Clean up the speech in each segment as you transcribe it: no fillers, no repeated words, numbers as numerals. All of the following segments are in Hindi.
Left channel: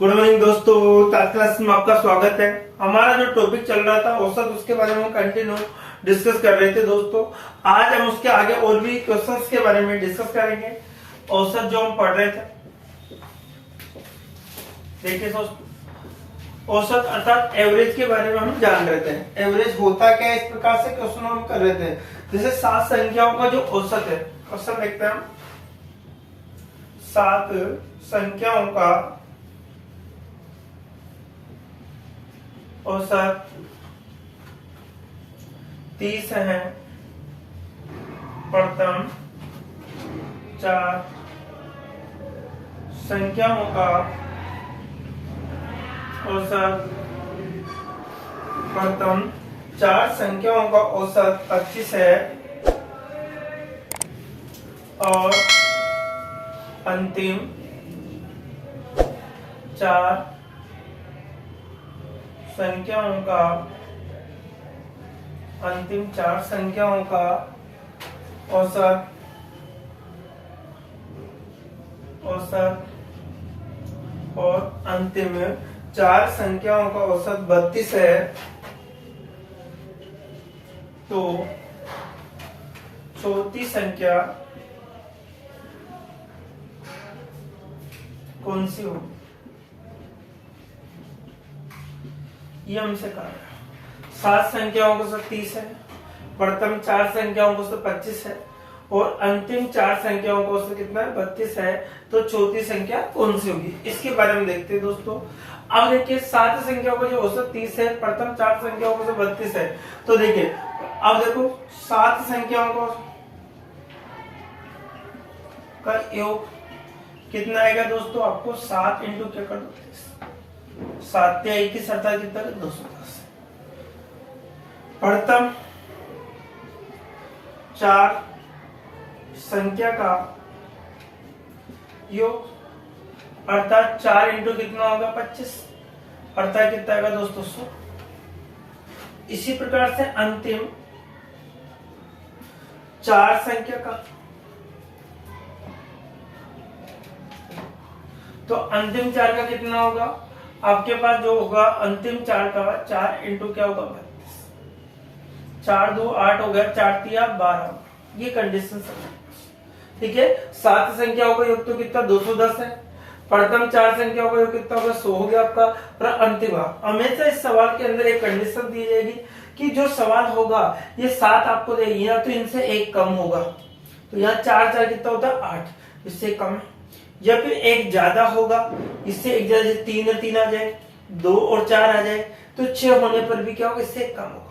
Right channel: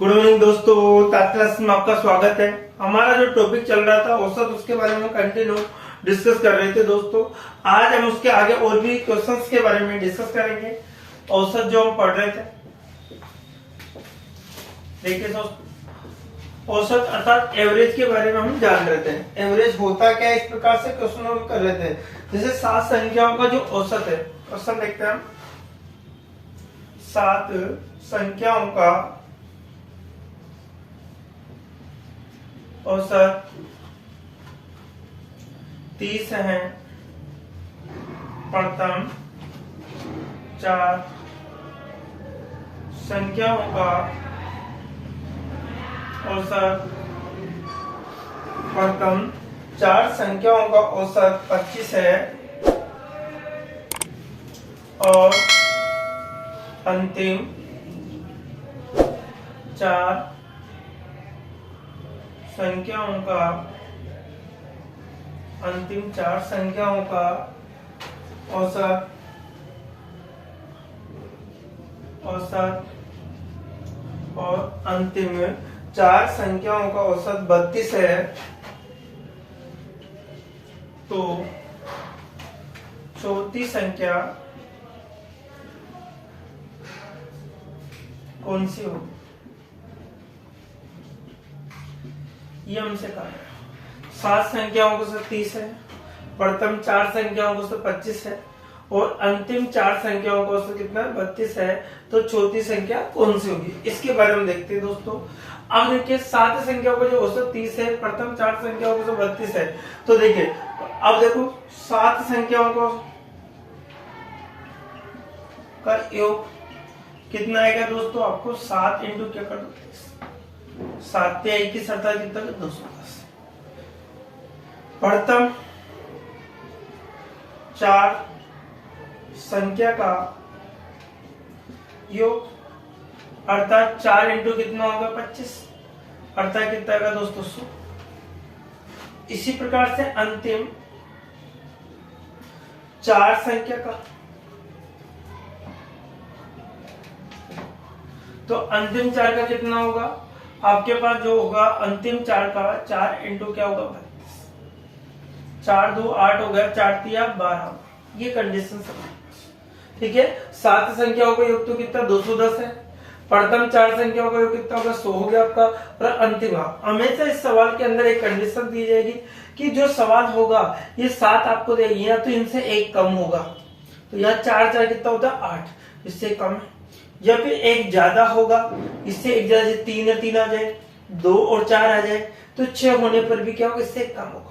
गुड मॉर्निंग दोस्तों, आज क्लास में आपका स्वागत है। हमारा जो टॉपिक चल रहा था औसत, उसके बारे में कंटिन्यू डिस्कस कर रहे थे दोस्तों। आज हम उसके आगे और भी क्वेश्चंस के बारे में डिस्कस करेंगे। औसत जो हम पढ़ रहे थे, देखिए दोस्तों, औसत अर्थात एवरेज के बारे में हम जान रहे थे। एवरेज होता क्या है, इस प्रकार से क्वेश्चन हम कर रहे थे। जैसे 7 संख्याओं का जो औसत है, क्वेश्चन देखते हैं हम। 7 संख्याओं का औसत 30 है। प्रथम 4 संख्याओं का औसत, प्रथम 4 संख्याओं का औसत 25 है और अंतिम 4 संख्याओं का, अंतिम 4 संख्याओं का औसत और अंतिम 4 संख्याओं का औसत 32 है। तो चौथी संख्या कौन सी होगी, ये हमसे कहा गया। 7 संख्याओं को 30 है, प्रथम 4 संख्याओं को 25 है और अंतिम 4 संख्याओं को कितना है, 32 है। तो चौथी संख्या कौन सी होगी, इसके बारे में देखते हैं दोस्तों। अब देखिए 7 संख्याओं को जो औसत 30 है, प्रथम 4 संख्याओं को 32 है। तो देखिए अब देखो 7 संख्याओं को का योग कितना आएगा दोस्तों, आपको 7 इंटू क्या कर दो, 7 या 21 अर्थात कितना, 210। प्रथम 4 संख्या का योग अर्थात 4 इंटू कितना होगा, 25 अर्थात कितना आएगा दोस्तों, 100। इसी प्रकार से अंतिम 4 संख्या का, तो अंतिम 4 का कितना होगा आपके पास, जो होगा अंतिम 4 का 4 इंटू क्या होगा, 32। 4 2 8 हो गया, 4 3 12। ये कंडीशन ठीक है। 7 संख्याओं का योग तो कितना, 210 है। प्रथम 4 संख्याओं का योग कितना होगा, 100 हो गया आपका। और अंतिम, हमेशा इस सवाल के अंदर एक कंडीशन दी जाएगी कि जो सवाल होगा ये 7 आपको देगी, या तो इनसे एक कम होगा, तो यहाँ 4 4 कितना होता है, 8, इससे कम है। या फिर एक ज्यादा होगा, इससे एक ज्यादा, 3 या 3 आ जाए, 2 और 4 आ जाए, तो 6 होने पर भी क्या होगा, इससे कम होगा।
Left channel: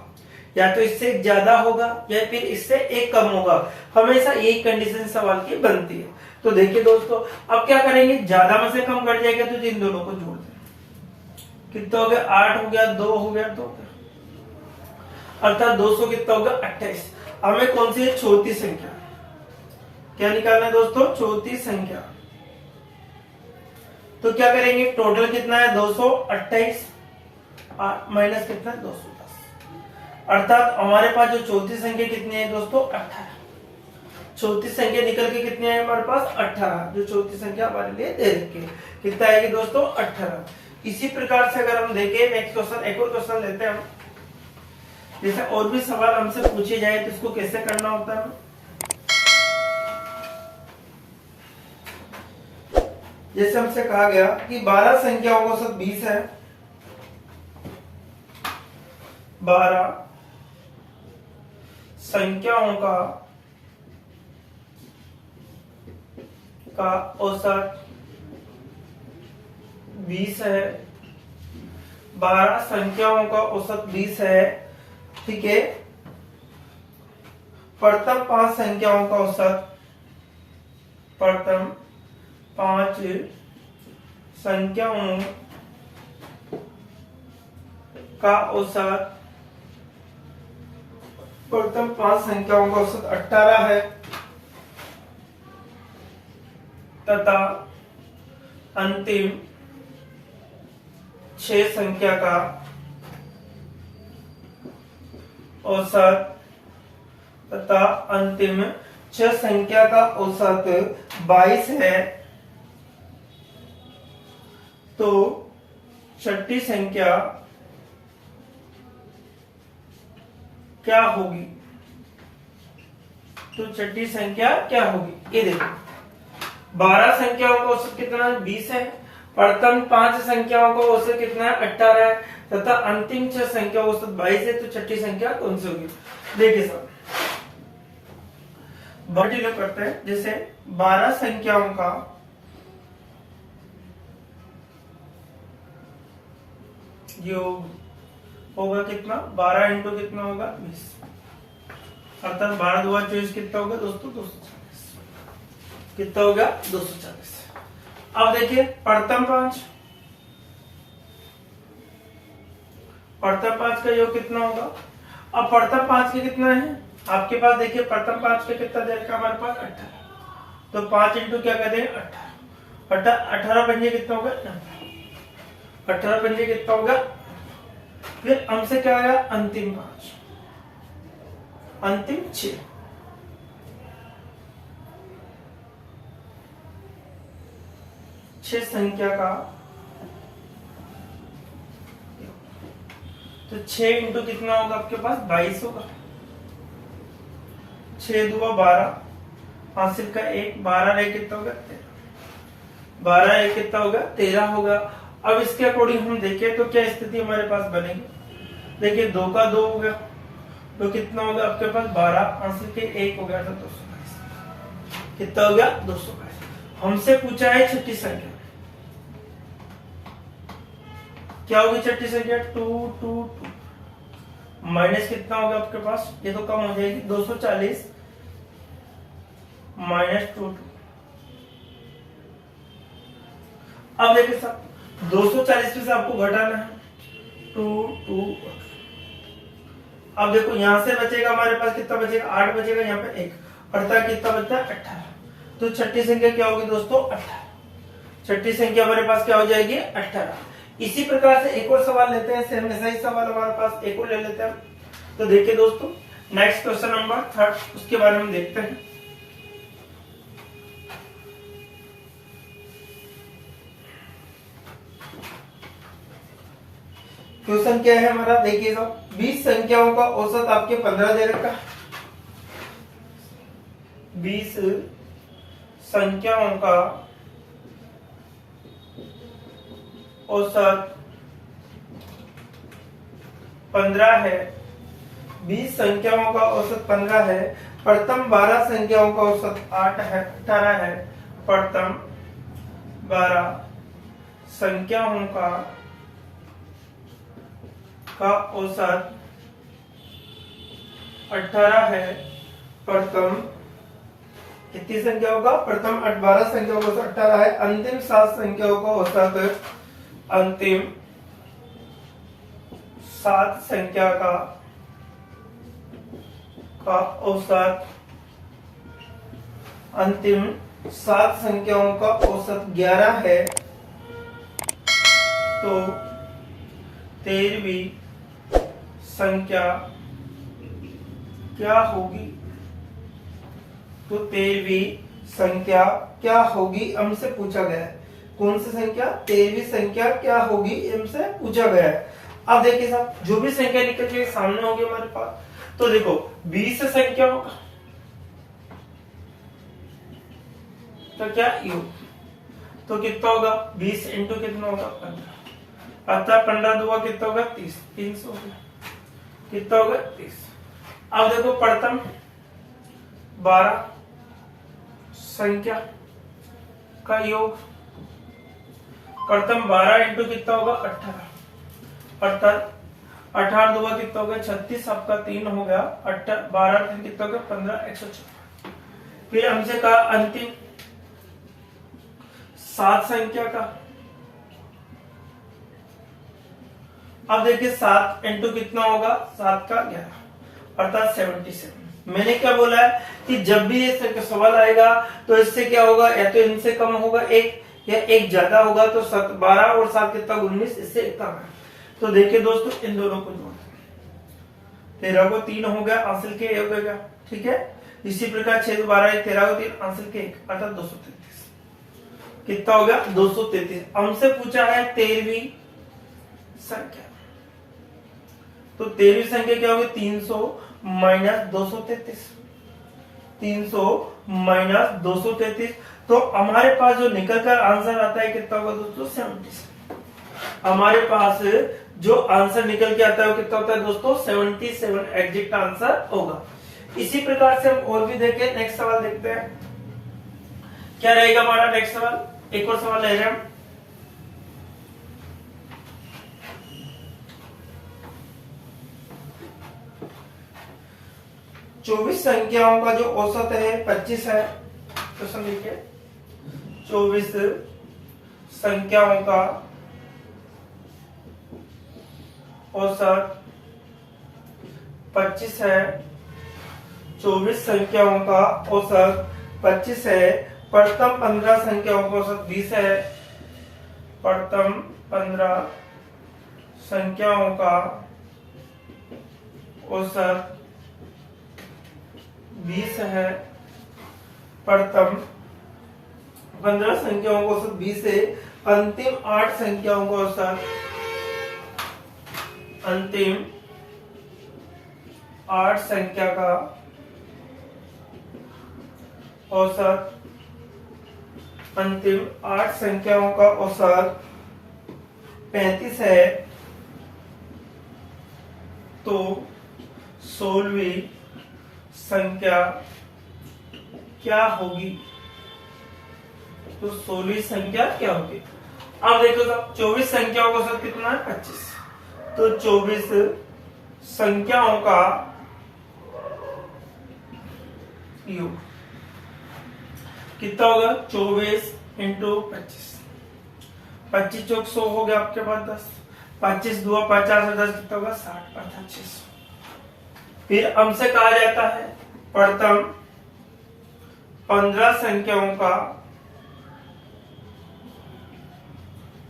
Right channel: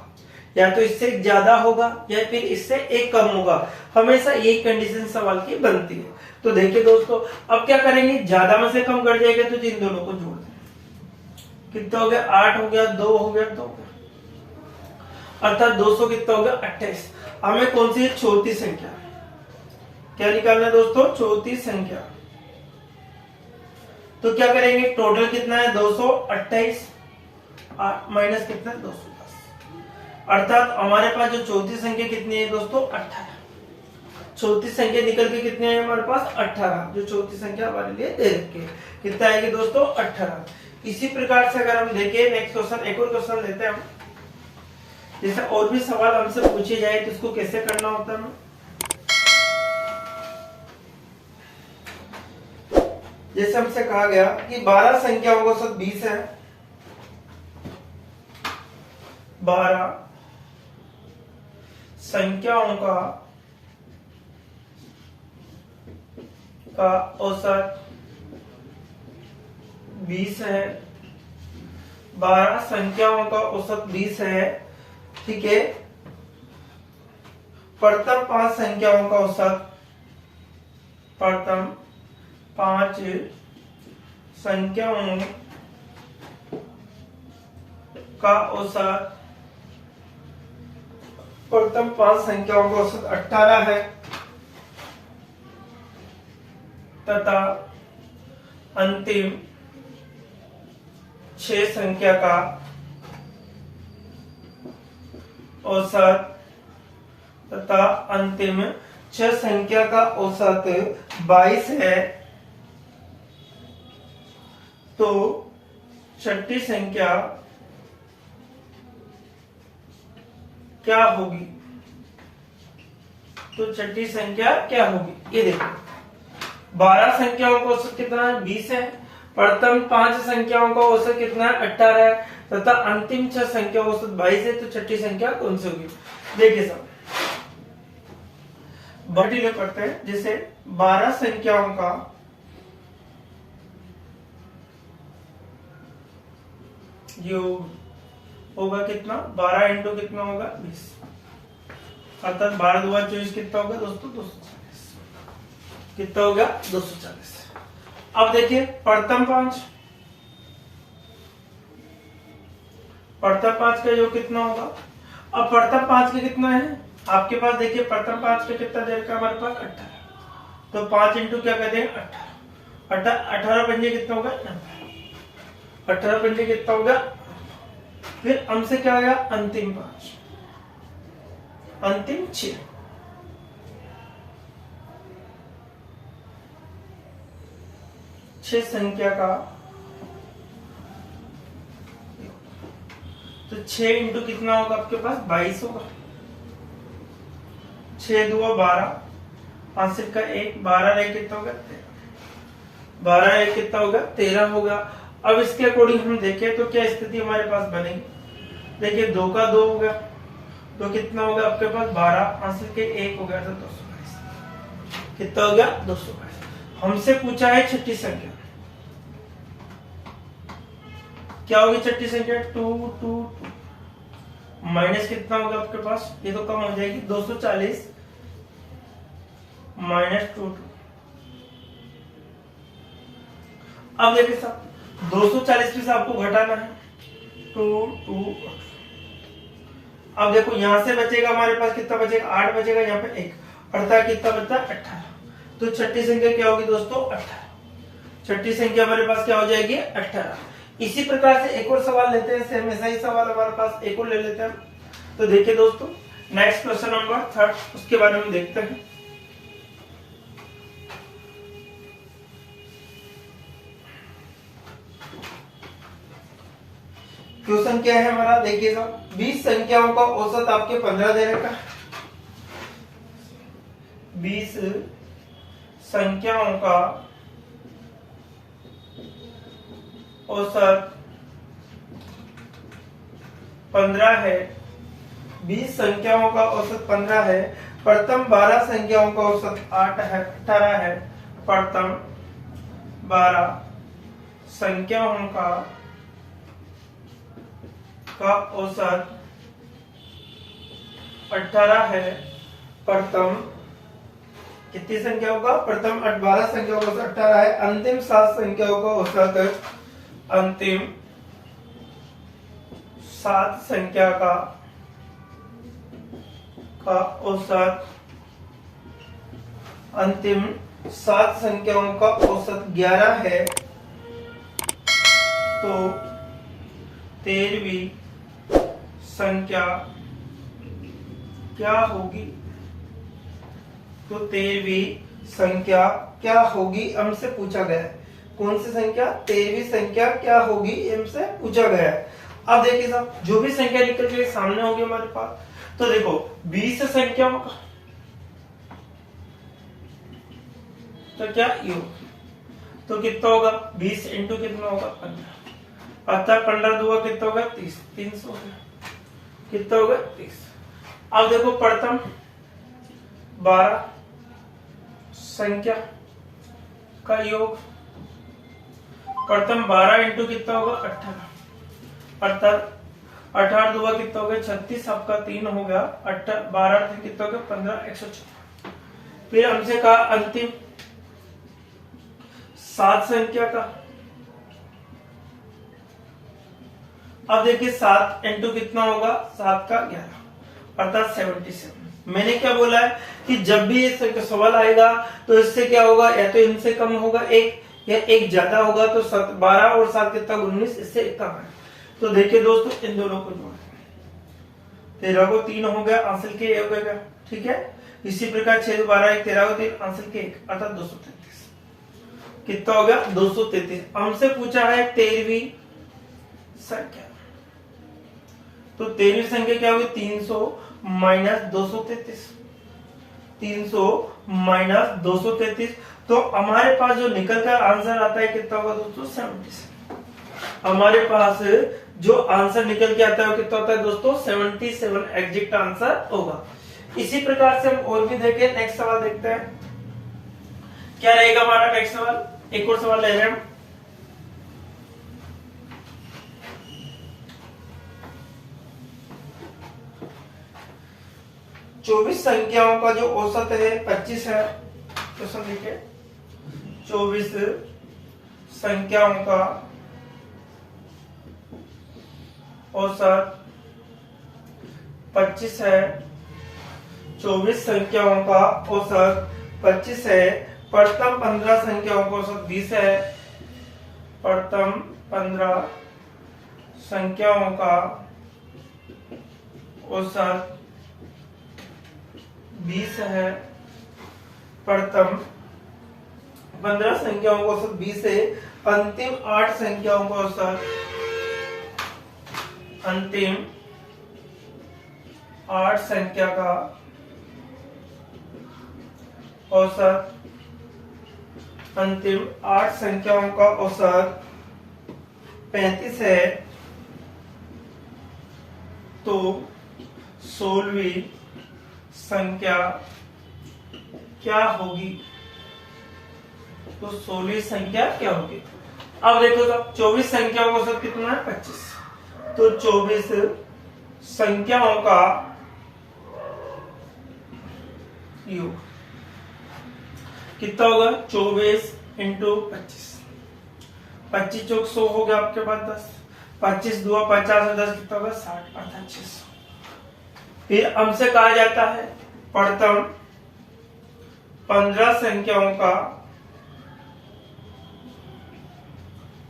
या तो इससे ज्यादा होगा या फिर इससे एक कम होगा। हमेशा यही कंडीशन सवाल की बनती है। तो देखिए दोस्तों, अब क्या करेंगे, ज्यादा में से कम कर जाएगा तो इन दोनों को जोड़ देंगे। कितना हो गया, 8 हो गया, 2 हो गया, 2 हो गया, अर्थात 200 कितना होगा, 28। हमें कौन सी है, चौथी संख्या क्या निकालना है दोस्तों, चौथी संख्या। तो क्या करेंगे, टोटल कितना है, 228 माइनस कितना है, 210। अर्थात हमारे पास जो चौथी संख्या कितनी है दोस्तों, 18। चौथी संख्या निकल के कितनी है हमारे पास, 18। जो चौथी संख्या हमारे लिए दे रखी है, कितना आएगी दोस्तों, 18। इसी प्रकार से अगर हम देखें नेक्स्ट क्वेश्चन, एक और क्वेश्चन लेते हैं हम। जैसे और भी सवाल हमसे पूछे जाए तो इसको कैसे करना होता है। जैसे हमसे कहा गया कि 12 संख्याओं का औसत 20 है। 12 संख्याओं का औसत 20 है। 12 संख्याओं का औसत 20 है, ठीक है। प्रथम 5 संख्याओं का औसत, प्रथम 5 संख्याओं का औसत, प्रथम 5 संख्याओं का औसत 18 है तथा अंतिम 6 संख्या का औसत तथा अंतिम 6 संख्या का औसत 22 है तो छठी संख्या क्या होगी? तो छठी संख्या क्या होगी? ये देखो 12 संख्याओं का औसत कितना है? 20 है। प्रथम 5 संख्याओं का औसत कितना है? 18 है तथा अंतिम 6 संख्या औसत 22 है। तो छठी संख्या कौन सी होगी? देखिए साहब बढ़ी करते हैं। जैसे 12 संख्याओं का योग होगा कितना? 12 इंटू कितना होगा? 20। अर्थात 12 2 24 कितना होगा दोस्तों? 240। कितना होगा? 240। अब देखिए प्रथम 5 का योग कितना होगा? अब प्रथम 5 के कितना है आपके पास? देखिए प्रथम 5 के कितना दे रखा हमारे पास? 18। तो 5 इंटू क्या कहते हैं? 18। 18 पंजे कितना होगा? 90। 18 पंजे कितना होगा? फिर हमसे क्या आया? अंतिम 5, अंतिम 6। संख्या का तो 6 इंटू कितना होगा आपके पास? 22 होगा। 6 2 12, हासिल का 1, 12 रहे कितना होगा? 13। 12 रहे कितना होगा? 13 होगा। अब इसके अकॉर्डिंग हम देखें तो क्या स्थिति हमारे पास बनेगी? देखिए 2 का 2 होगा तो कितना होगा आपके पास? 12, हासिल के 1 हो गया था 222। कितना हो गया? 222। हमसे पूछा है छठी संख्या क्या होगी? छठी संख्या 2 2 2 माइनस कितना होगा आपके पास? ये तो कम हो जाएगी। 240 माइनस 2 2। अब देखिए साहब 240 में से आपको घटाना है 2 2। अब देखो यहां से बचेगा हमारे पास कितना बचेगा? 8 बचेगा। यहाँ पे 1 अर्थात कितना बचता है? 18। तो छठी संख्या क्या होगी दोस्तों? 18। छठी संख्या हमारे पास क्या हो जाएगी? 18। इसी प्रकार से एक और सवाल लेते हैं। सेम ऐसा ही सवाल हमारे पास एक और ले लेते हैं। तो देखिए दोस्तों नेक्स्ट क्वेश्चन नंबर 3 उसके बारे में देखते हैं। क्वेश्चन क्या है हमारा? देखिएगा 20 संख्याओं का औसत आपके 15 दे रखा है। 20 संख्याओं का औसत 15 है। 20 संख्याओं का औसत 15 है। प्रथम 12 संख्याओं का औसत 8 है 18 है। प्रथम 12 संख्याओं का औसत 18 है। प्रथम कितनी संख्या होगा? प्रथम 12 संख्याओं का औसत 18 है। अंतिम 7 संख्याओं का औसत अंतिम 7 संख्या का औसत अंतिम 7 संख्याओं का औसत 11 है। तो 13वीं संख्या क्या होगी? तो 13वीं संख्या क्या होगी हमसे पूछा गया है। कौन सी संख्या? 13वीं संख्या क्या होगी हमसे पूछा गया है। अब देखिए साहब जो भी संख्या निकल के सामने होगी हमारे पास, तो देखो 20 संख्याओं का तो क्या योग, तो कितना होगा? 20 इंटू कितना होगा? 15। अर्थात 15 2 कितना होगा? 30। 300 हो गया। कितना होगा? 30। अब देखो प्रथम 12 संख्या का योग, प्रथम 12 इंटू कितना होगा? 18। अर्थात 18 2 कितना हो गया? 36। आपका 3 हो गया। 12 3 कितना हो गया? 15 106। फिर हमसे कहा अंतिम 7 संख्या का। अब देखिए 7 इंटू कितना होगा? 7 का 11 अर्थात 77। मैंने क्या बोला है कि जब भी ये सवाल आएगा तो इससे क्या होगा? या तो इनसे कम होगा एक, या एक ज्यादा होगा। तो 12 और 7 कितना? 19। इससे एक कम है। तो देखिए दोस्तों इन दोनों को जोड़ 13 को 3 हो गया, हासिल के 1 हो गया। ठीक है। इसी प्रकार 6 12 1 13 को 3 हासिल के 1 अर्थात 233। कितना हो गया 233। हमसे पूछा है 13वीं संख्या, तो 13वीं संख्या क्या होगी 300 माइनस 233, 300 माइनस 233। तो हमारे पास जो निकल कर आंसर आता है कितना होगा दोस्तों 77। हमारे पास जो आंसर निकल के आता है वो कितना होता है दोस्तों 77 एग्जैक्ट आंसर होगा। इसी प्रकार से हम और भी देखें, नेक्स्ट सवाल देखते हैं क्या रहेगा हमारा नेक्स्ट सवाल। एक और सवाल ले रहे हैं हम। चौबीस संख्याओं का जो औसत है 25 है। तो समझिए 24 संख्याओं का औसत 25 है। 24 संख्याओं का औसत 25 है। प्रथम 15 संख्याओं का औसत 20 है। प्रथम 15 संख्याओं का औसत 20 है। प्रथम 15 संख्याओं का औसत 20 है। अंतिम 8 संख्याओं का औसत, अंतिम 8 संख्या का औसत, अंतिम 8 संख्याओं का औसत 35 है। तो 16वीं संख्या क्या होगी? तो 16वीं संख्या क्या होगी? अब देखो तो 24 संख्याओं का औसत कितना है 25। तो 24 संख्याओं का योग कितना होगा 24 इंटू 25। 25 चौक 100 हो गया आपके पास 10। 25 दुआ 50 10 कितना होगा 60 अर्थात 600। फिर हमसे कहा जाता है प्रथम 15 संख्याओं का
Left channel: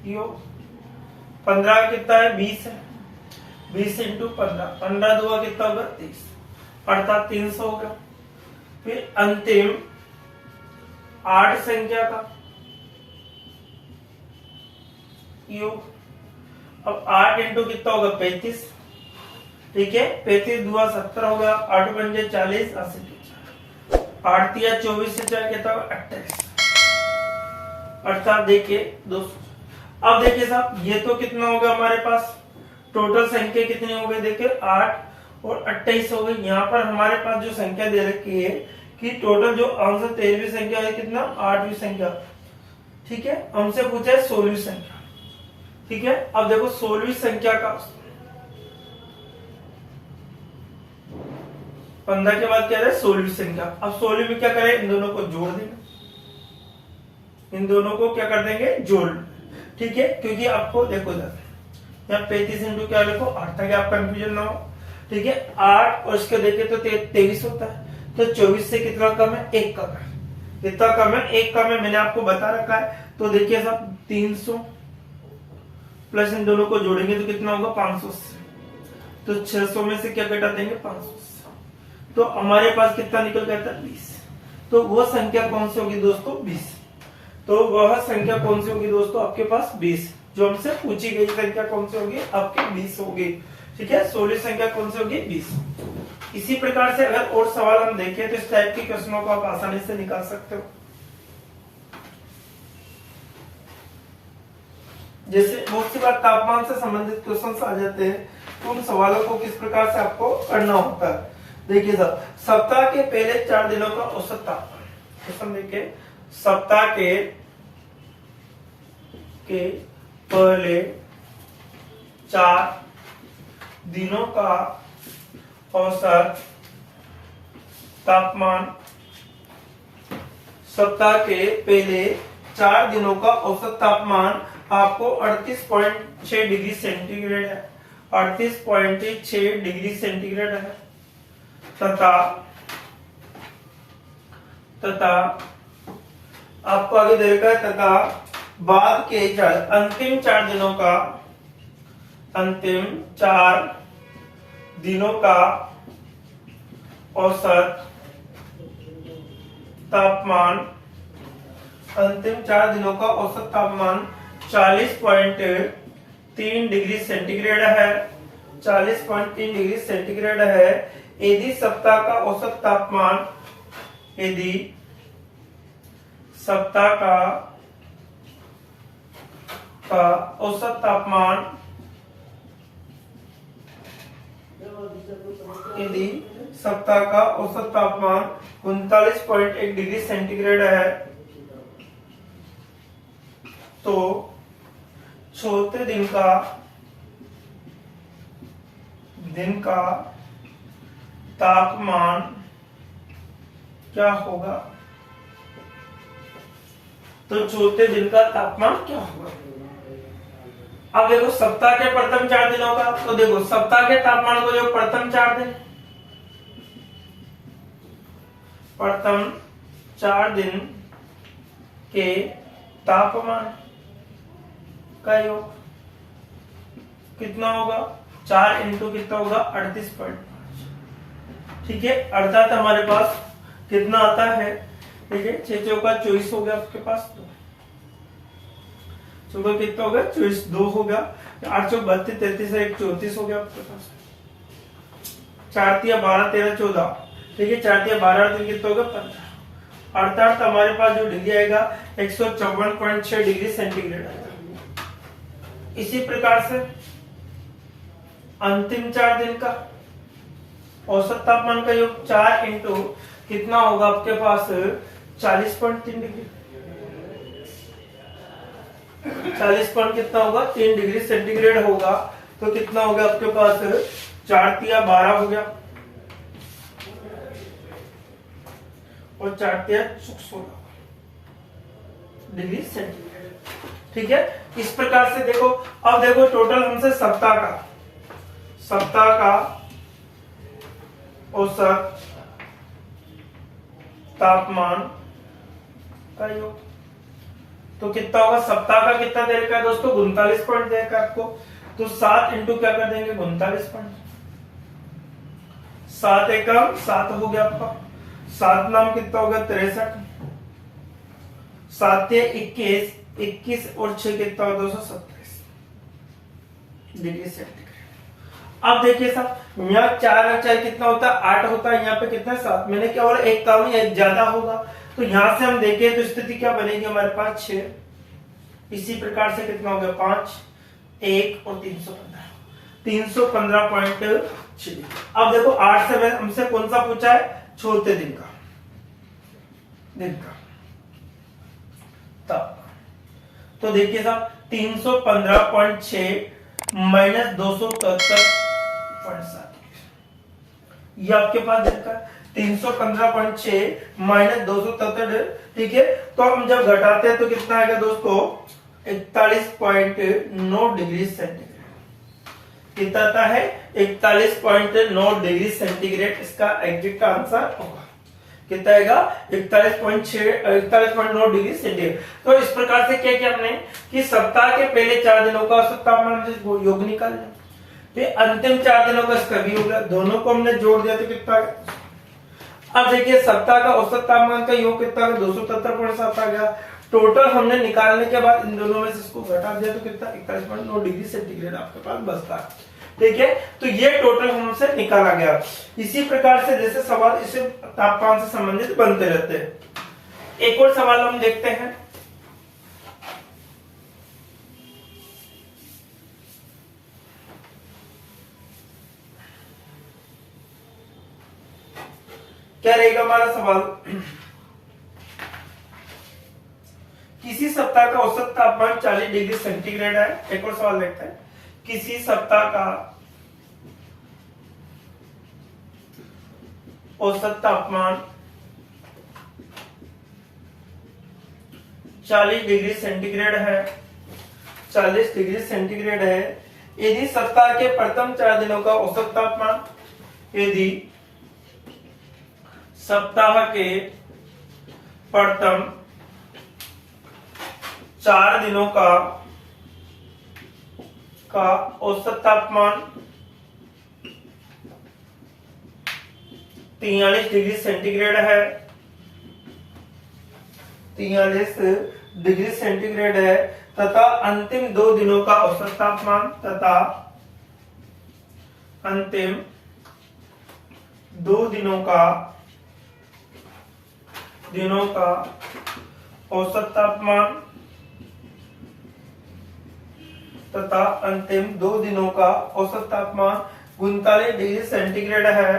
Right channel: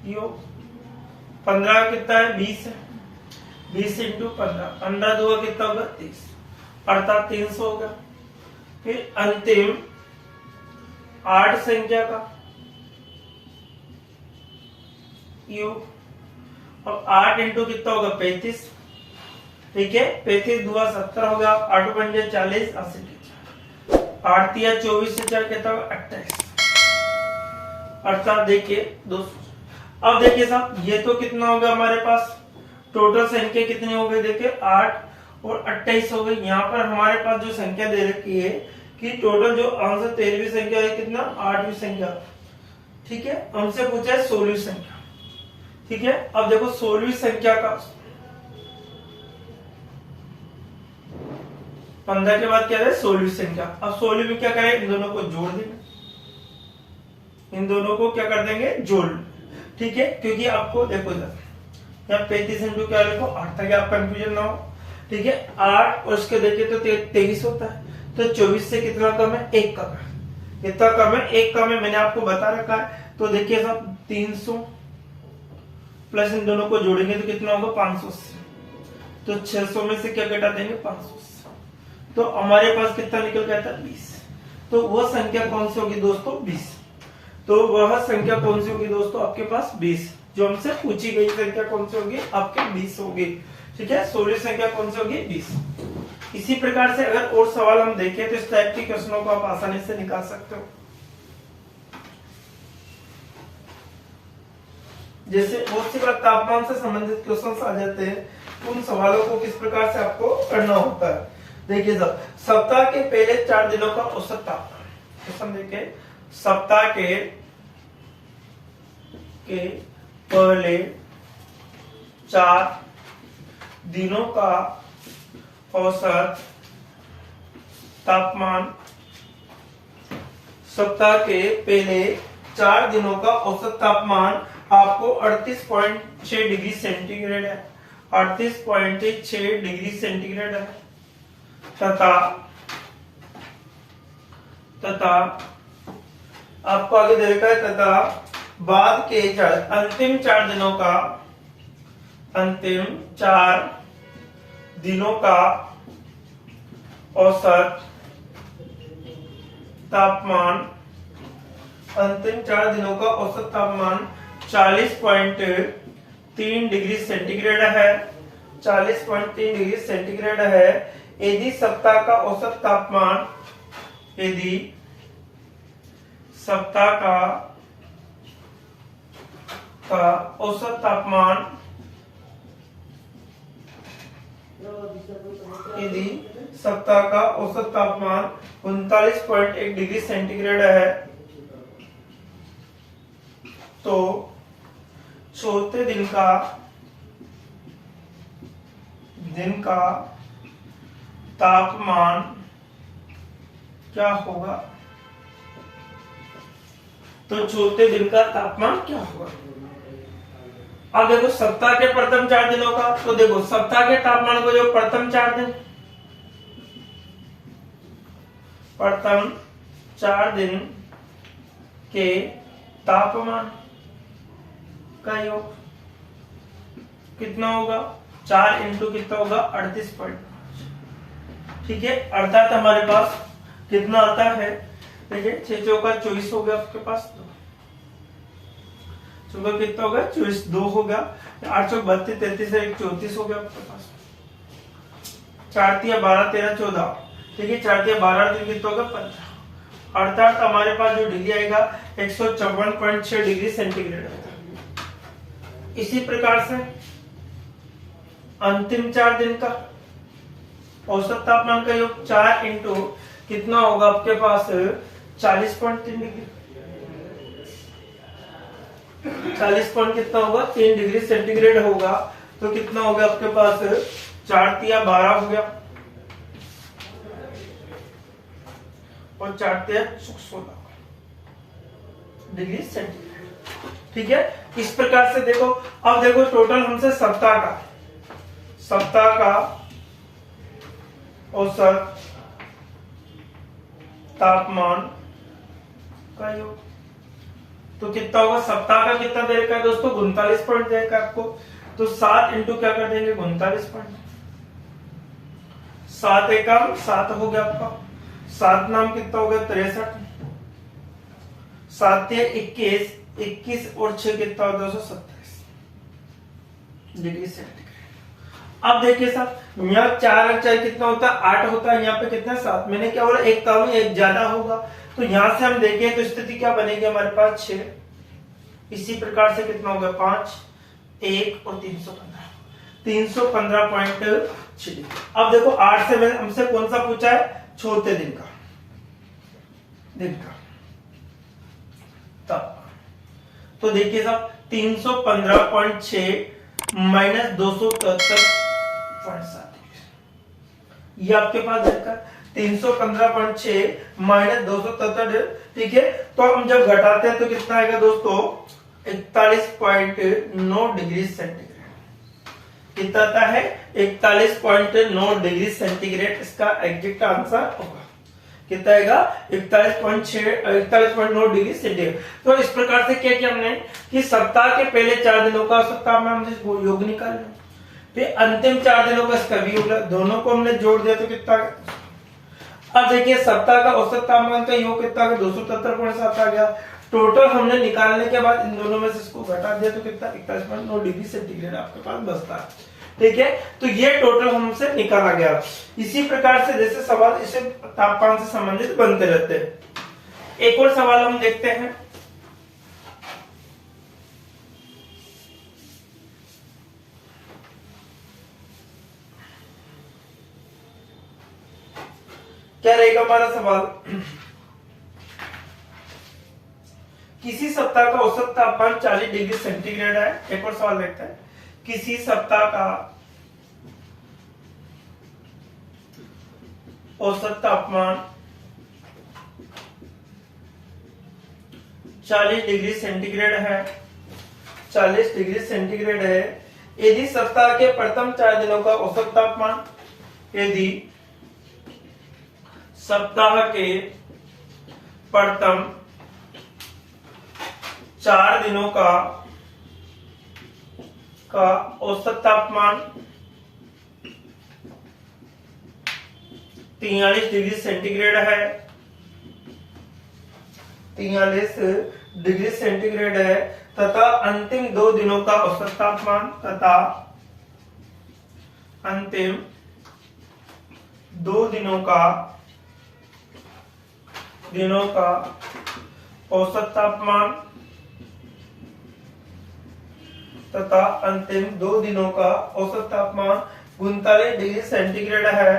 योग। 15 कितना है 20 है। 20 इंटू 15, 15 दुआ कितना होगा 30 अर्थात 300 होगा। फिर अंतिम 8 संख्या का योग। अब 8 इंटू कितना होगा 35, ठीक है। 35 दुआ 70 होगा। 8 पंजे 40, 80 8 तिया 24 से 4 कितना होगा 28 अर्थात देखिए 200। अब देखिए साहब ये तो कितना होगा हमारे पास टोटल संख्या कितनी हो गई देखिए 8 और 28 हो गई। यहाँ पर हमारे पास जो संख्या दे रखी है कि टोटल जो आंसर 13वीं संख्या है कितना 8वीं संख्या, ठीक है। हमसे पूछा है 16वीं संख्या, ठीक है। अब देखो 16वीं संख्या का 15 के बाद क्या है 16वीं संख्या। अब 16वीं में क्या करें इन दोनों को जोड़ देंगे, इन दोनों को क्या कर देंगे जोड़, ठीक है। क्योंकि आपको देखो यहाँ 35 इंटू क्या लिखो 8 ताकि आप कंफ्यूजन ना हो, ठीक है। 8 और उसके देखिए तो 23 होता है। तो 24 से कितना कम है 1 कम है। कितना कम है 1 कम है, मैंने आपको बता रखा है। तो देखिए साहब 300 प्लस इन दोनों को जोड़ेंगे तो कितना होगा 500 से। तो 600 में से क्या घटा देंगे 500 से। तो हमारे पास कितना निकल गया था 20। तो वह संख्या कौन सी होगी दोस्तों 20। तो वह संख्या कौन सी होगी दोस्तों आपके पास 20। जो हमसे पूछी गई संख्या कौन सी होगी आपके 20 होगी, ठीक है। 16वीं संख्या कौन सी होगी 20। इसी प्रकार से अगर और सवाल हम देखें तो इस टाइप के क्वेश्चनों को आप आसानी से निकाल सकते हो। जैसे बहुत सी बार तापमान से संबंधित क्वेश्चन आ जाते हैं, तो उन सवालों को किस प्रकार से आपको करना होता है। देखिए साहब सप्ताह के पहले 4 दिनों का औसत तापमान, क्वेश्चन देखिए सप्ताह के पहले 4 दिनों का औसत तापमान। सप्ताह के पहले 4 दिनों का औसत तापमान आपको 38.6 डिग्री सेंटीग्रेड है, 38.6 डिग्री सेंटीग्रेड है। तथा आपको आगे दे रखा है तथा बाद के अंतिम 4 दिनों का, अंतिम 4 दिनों का औसत तापमान अंतिम 4 दिनों का औसत तापमान 40.3 डिग्री सेंटीग्रेड है। 40.3 डिग्री सेंटीग्रेड है। यदि सप्ताह का औसत तापमान, यदि सप्ताह का औसत तापमान, यदि सप्ताह का औसत तापमान 39.1 डिग्री सेंटीग्रेड है, तो चौथे दिन का तापमान क्या होगा? तो चौथे दिन का तापमान क्या होगा? अब देखो सप्ताह के प्रथम 4 दिनों का, तो देखो सप्ताह के तापमान को जो प्रथम 4 दिन, प्रथम 4 दिन के तापमान का योग कितना होगा? 4 इंटू कितना होगा? 38.5। ठीक है, अर्थात हमारे पास कितना आता है? ठीक है, 6 चौका 24 हो गया आपके पास, सुबह कितना हो गया? 24, 2 हो गया, 8 चौक 32, 33 1 34 हो गया आपके पास। 4 तिया 12 13 14, ठीक है, 4 तिया 12 दिन कितना होगा? 15। अर्थात हमारे पास जो डिग्री आएगा 154.6 डिग्री सेंटीग्रेड आएगा। इसी प्रकार से अंतिम 4 दिन का औसत तापमान का योग 4 इंटू कितना होगा आपके पास? 40.3 डिग्री, 40 पॉइंट कितना होगा? 3 डिग्री सेंटीग्रेड होगा। तो कितना हो गया आपके पास? 4 तिया 12 हो गया और 4 तिया 16 डिग्री सेंटीग्रेड। ठीक है, इस प्रकार से देखो। अब देखो टोटल हमसे सप्ताह का औसत तापमान का योग, तो कितना होगा? सप्ताह का कितना दे रखा है दोस्तों? 39 पॉइंट दे रखा है आपको। तो 7 इंटू क्या कर देंगे? 39 पॉइंट। 7 एकम 7 हो गया आपका। 7 नाम कितना हो गया? 63। 7 21, 21 और 6 कितना होगा? 227 डिग्री सेंटीग्रेड। अब देखिए साहब, यहाँ 4 और 4 कितना होता है? 8 होता है। यहाँ पे कितना? 7। मैंने क्या बोला? एक कम एक ज्यादा होगा। तो यहां से हम देखें तो स्थिति क्या बनेगी हमारे पास? 6। इसी प्रकार से कितना होगा? 5, 1 और 315, 315.6। अब देखो 8 से हमसे कौन सा पूछा है? चौथे दिन का तब। तो देखिए साहब 315.6 माइनस 273.7, ये आपके पास देखा 315.6 माइनस 273। ठीक है, तो हम जब घटाते हैं तो कितना आएगा दोस्तों? 41.9 डिग्री सेंटीग्रेड। कितना आता है? 41.9 डिग्री सेंटीग्रेड इसका एग्जैक्ट आंसर होगा। कितना आएगा? 41.9 डिग्री सेंटीग्रेड। तो इस प्रकार से क्या किया हमने कि सप्ताह के पहले 4 दिनों का औसत तापमान हमने योग निकालना, फिर अंतिम 4 दिनों का इसका भी योग, दोनों को हमने जोड़ दिया तो कितना आएगा? अब देखिए सप्ताह का औसत तापमान का योग कितना है? 273.7 आ गया। टोटल हमने निकालने के बाद इन दोनों में से इसको घटा दिया तो कितना? 41.9 डिग्री सेंटीग्रेड आपके पास बचता है। ठीक है, तो ये टोटल हमसे निकाला गया। इसी प्रकार से जैसे सवाल इसे तापमान से संबंधित बनते रहते हैं। एक और सवाल हम देखते हैं। क्या रहेगा हमारा सवाल? किसी सप्ताह का औसत तापमान 40 डिग्री सेंटीग्रेड है। एक और सवाल देखते हैं। किसी सप्ताह का औसत तापमान 40 डिग्री सेंटीग्रेड है, 40 डिग्री सेंटीग्रेड है। यदि सप्ताह के प्रथम 4 दिनों का औसत तापमान, यदि सप्ताह के प्रथम 4 दिनों का औसत तापमान 43 डिग्री सेंटीग्रेड है, 43 डिग्री सेंटीग्रेड है तथा अंतिम 2 दिनों का औसत तापमान तथा अंतिम 2 दिनों का औसत तापमान तथा अंतिम 2 दिनों का औसत तापमान 39 डिग्री सेंटीग्रेड है,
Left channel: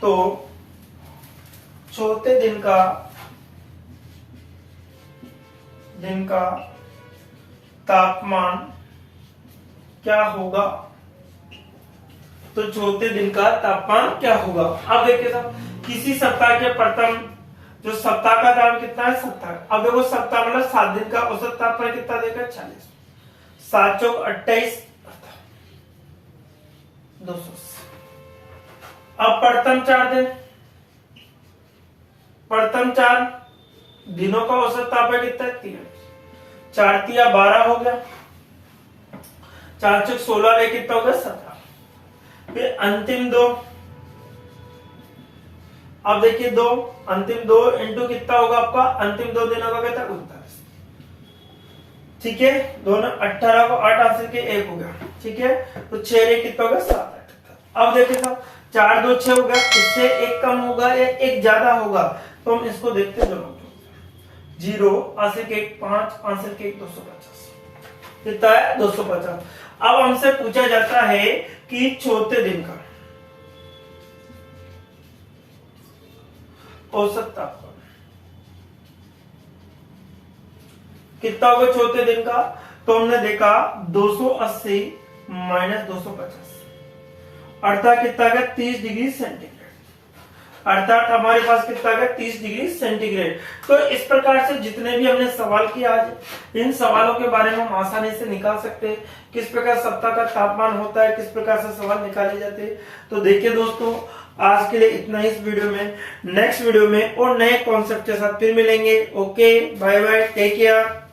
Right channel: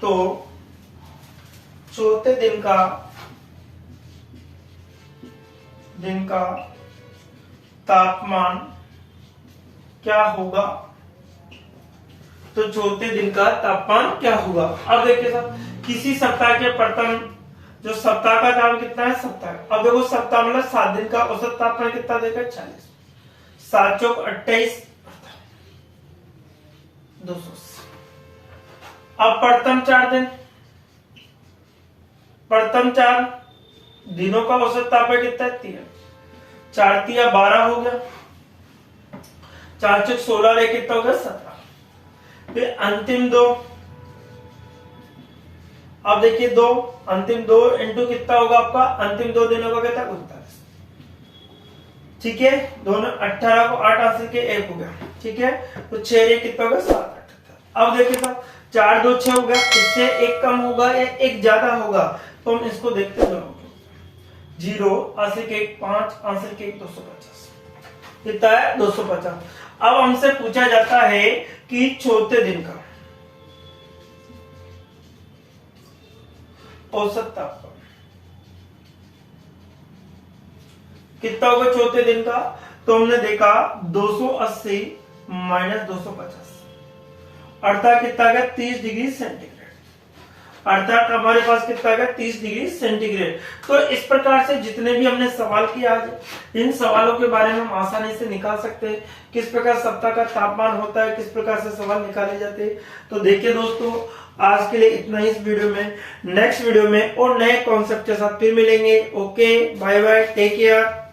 तो चौथे दिन का तापमान क्या होगा? तो चौथे दिन का तापमान क्या होगा? अब देखिए साहब, किसी सप्ताह के प्रथम जो सप्ताह का नाम कितना है? सप्ताह। अब देखो सप्ताह मतलब 7 दिन का औसत तापमान कितना देगा? 40। 7 चौक 28, 280। अब प्रथम 4 दिन, प्रथम 4 दिनों का औसत तापमान कितना है? 3। 4 तिया 12 हो गया, 4 चौक 16 रे कितना हो गया? 17। फिर अंतिम 2, अब देखिए 2, अंतिम 2 इंटू कितना होगा आपका? अंतिम 2 दिनों का कितना? 39। ठीक है, दोनों 18 को 8 आंसर के 1 हो गया। ठीक है, तो 6 रे कितना होगा? 7। अब देखिए साहब, 4 2 6 हो गया, इससे 1 कम होगा या 1 ज्यादा होगा, तो हम इसको देखते हैं। 0 आंसर के 1 5, आंसर के 1 250। कितना है? 250। अब हमसे पूछा जाता है कि चौथे दिन का औसत तापमान कितना होगा चौथे दिन का? तो हमने देखा 280 माइनस 250 अर्थात कितना गया? 30 डिग्री सेंटीग्रेड। अर्थात हमारे पास कितना गया? 30 डिग्री सेंटीग्रेड। तो इस प्रकार से जितने भी हमने सवाल किए आज, इन सवालों के बारे में हम आसानी से निकाल सकते हैं। किस प्रकार सप्ताह का तापमान होता है, किस प्रकार से सवाल निकाले जाते हैं। तो देखिए दोस्तों, आज के लिए इतना ही इस वीडियो में। नेक्स्ट वीडियो में और नए कॉन्सेप्ट के साथ फिर मिलेंगे। Okay, bye bye, take care.